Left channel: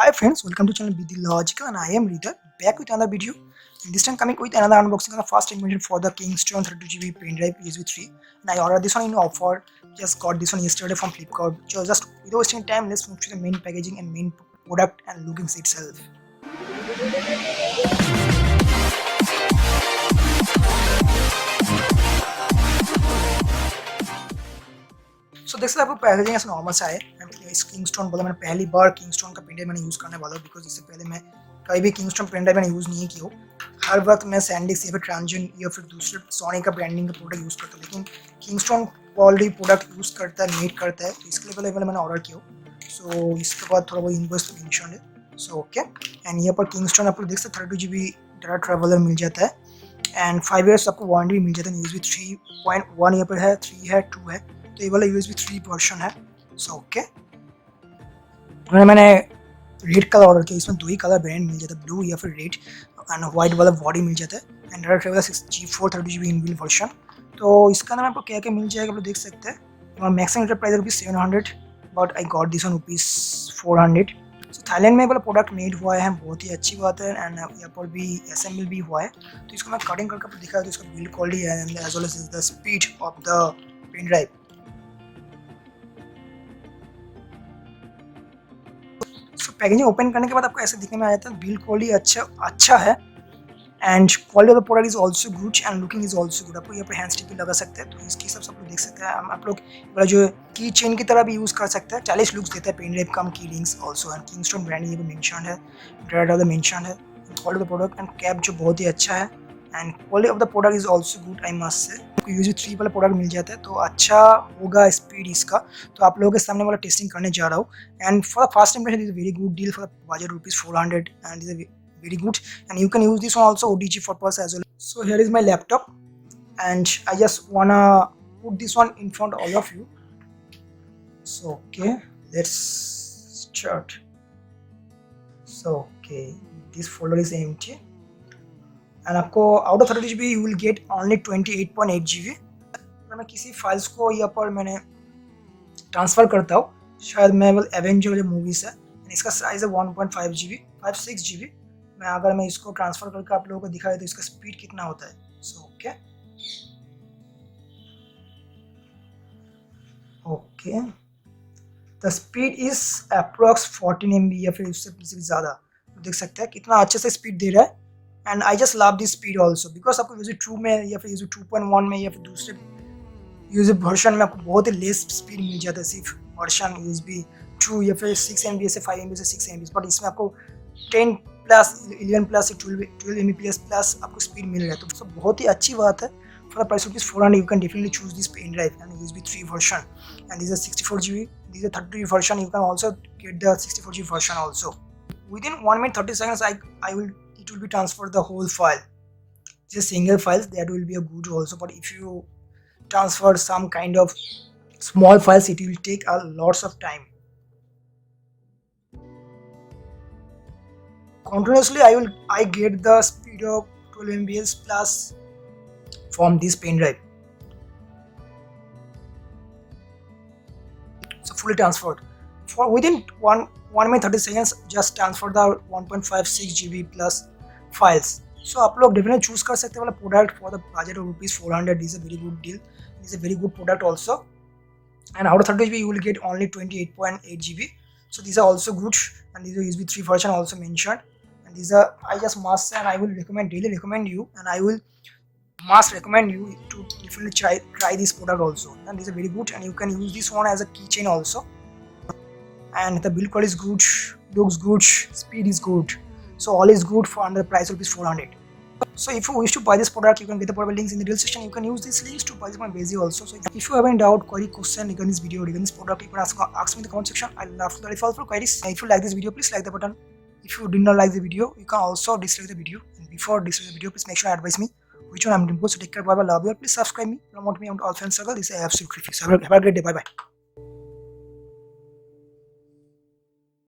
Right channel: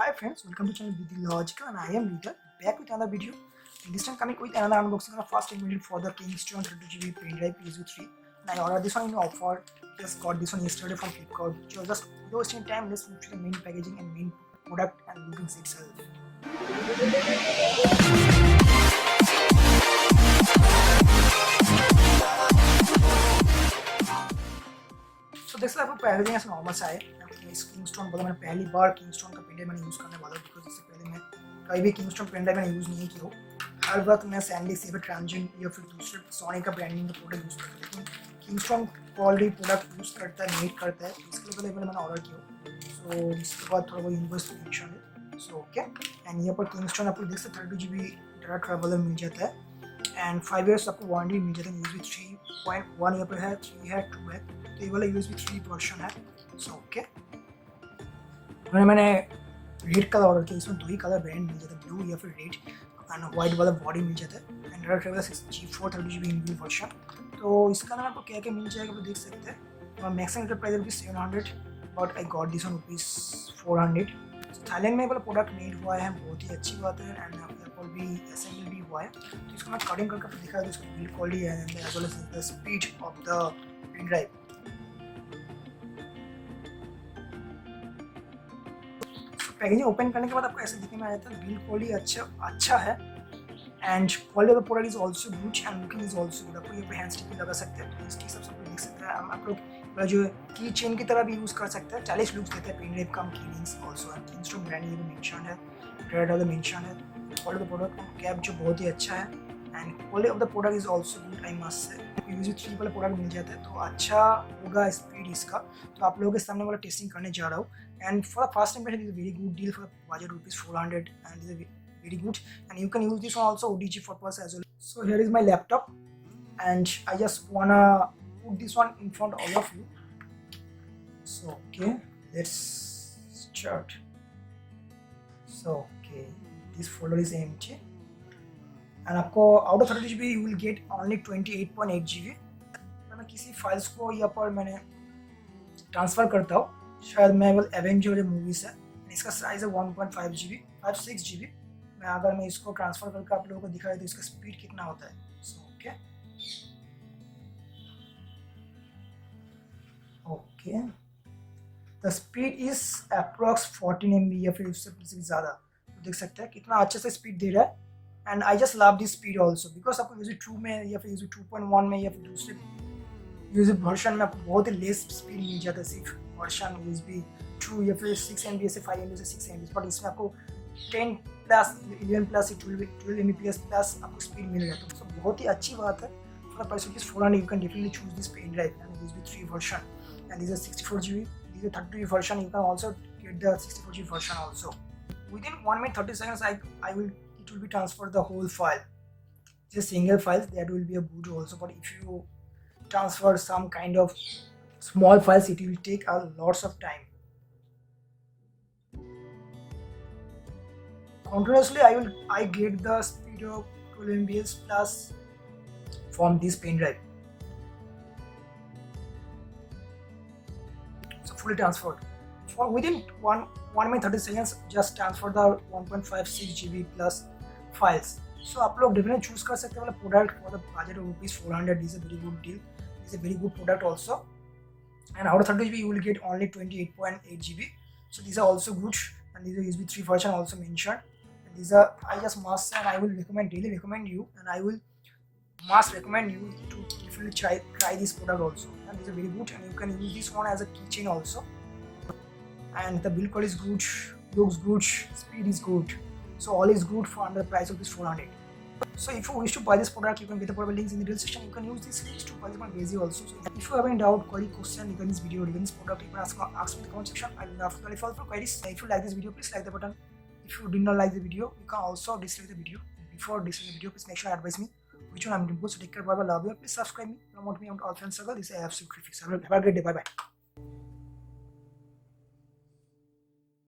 Hi friends, welcome to channel Be The Logical and I am Rita back with another video. In this time coming with another unboxing on the first invention for the Kingston 32GB Pendrive USB-3 and I ordered this one in offer. Just got this one yesterday from Flipkart. So just without wasting time, let's move to the main packaging and main product and lookings itself. So this type of packaging ऐसा नॉर्मल सा है. इस किंगस्टोन बोला मैंने पहली बार किंगस्टोन का pen drive मैंने यूज़ करने वाला हूँ बिकॉज इससे पहले मैं कभी भी किंगस्टोन पेन ड्राइव मैंने यूज़ नहीं की हो. हर वक्त मैं सैंडिक्स या फिर ट्रांजन या फिर दूसरे सोनी का ब्रांडिंग का प्रोडक्ट यूज़ करता हूँ, लेकिन किंगस्टोन ऑलरेडी प्रोडक्ट यूज़ करता है, मेड करता है, तो इसके लिए पहले मैंने ऑर्डर किया. सो इसके बाद थोड़ा बहुत इनवॉइस मेंशन है. सो ओके, एंड यहाँ पर किंगस्टोन आप लोग देख सकते 32GB डाटा ट्रैवलर मिल जाता है एंड 5 years आपको वारंटी मिल जाता है. USB 3.1 यहाँ पर है, 3 है, 2 है, तो ये वाला USB 3 वर्जन है. सो ओके, मैंने रेड कलर ऑर्डर किया. इसमें दो ही कलर ब्रांड मिल जाता है, ब्लू या फिर रेड, एंड वाइट वाला बॉडी मिल जाता है and data traveller 6G4 32GB inbuilt version. तो इसका नाम आपको क्या क्या मिल जाएगा आप लोग देख सकते हैं. और maximum price ₹700 but I got this on ₹400. थाईलैंड में वाला प्रोडक्ट मेड हुआ है, बहुत ही अच्छी बात है एंड यहाँ पर भी असेंबल भी हुआ है. तो इसको मैं कटिंग करके आपको दिखा दूँ. इसका build quality and as well as the speed of the pen drive. Packaging open करने के बाद आपको ऐसे दिखने में आ जाता है. बिल्ड क्वालिटी अच्छा है and quality of the product is also good and looking is also good. आपको यहाँ पर हैंड स्टिक भी लगा सकते हैं, तो इसके हिसाब से आप लोग देख सकते हैं. आप लोग जो की चेन की तरह भी यूज़ कर सकते हैं. 40 लुक्स देता है पेन ड्राइव, कम की rings also and Kingston brand ये भी मेंशन है, डाटा मेंशन है. Quality of the product and cap जो बहुत ही अच्छा है and quality of the product is also good I must say. USB 3 वाला प्रोडक्ट मिल जाता है तो अच्छा होगा स्पीड इसका. तो आप लोगों के सामने वाला टेस्टिंग करने जा रहा हूँ and for the first impression is very good deal for the budget ₹400 and is very good and you can use this one also ODG purpose as well. So here is my laptop and I just wanna put this one in front of all of you. So okay, let's start. So okay, this folder is empty and आपको out of 30GB you will get only 28.8GB. अगर मैं किसी फाइल्स को यहाँ पर मैंने ट्रांसफ़र करता हूँ, शायद मैं एवेंजर जो मूवीज़ है, इसका साइज़ है 1.5GB 56GB. अगर मैं इसको ट्रांसफ़र करके आप लोगों को दिखाई तो इसका स्पीड कितना होता है. So okay the speed is approx 14 MB या फिर उससे ज़्यादा. तो देख सकते हैं कितना अच्छे से स्पीड दे रहा है and I just love this speed also because आपको USB 2 में या फिर USB 2.1 में या फिर दूसरे USB वर्जन में आपको बहुत ही लेस स्पीड मिल जाता है. सिर्फ वर्जन USB 2 या फिर 6 MB से 5 MB से 6 MB, बट इसमें आपको 10 प्लस 11 प्लस 12 Mbps प्लस आपको स्पीड मिल रहा है. तो बहुत ही अच्छी बात है. For the price of ₹400 you can definitely choose this pen drive and USB 3 version and this is 64GB. This is 32GB version. You can also get the 64GB version also. Within 1 minute 30 seconds it will be transferred the whole file. Just single files that will be a good also, but if you transfer some kind of small files it will take a lots of time. Continuously I get the speed of 12 Mbps plus from this pen drive. So fully transferred for within 1 minute 30 seconds. Just transfer the 1.56GB plus files. So आप लोग definitely choose कर सकते हैं वाला product for the budget of ₹400. This is a very good deal. This is a very good product also. And out of 30GB you will get only 28.8GB. So these are also good and these are USB 3 version also mentioned. And these are I just must and I will daily recommend you and I will must recommend you to definitely try this product also. And these are very good and you can use this one as a keychain also. And the build quality is good, looks good, speed is good. So all is good for under the price of ₹400. So if you wish to buy this product, you can get the product links in the description. You can use these links to buy this one basic also. So if you have any doubt, query, question regarding this video, regarding this product, you can ask me in the comment section. I'll love to clarify all queries. And if you like this video, please like the button. If you did not like the video, you can also dislike the video. And before disliking the video, please make sure to advise me which one I'm doing. So take care, bye bye, love you. Please subscribe me, promote me on all friends circle. This is absolutely free. So have a great day. Bye bye.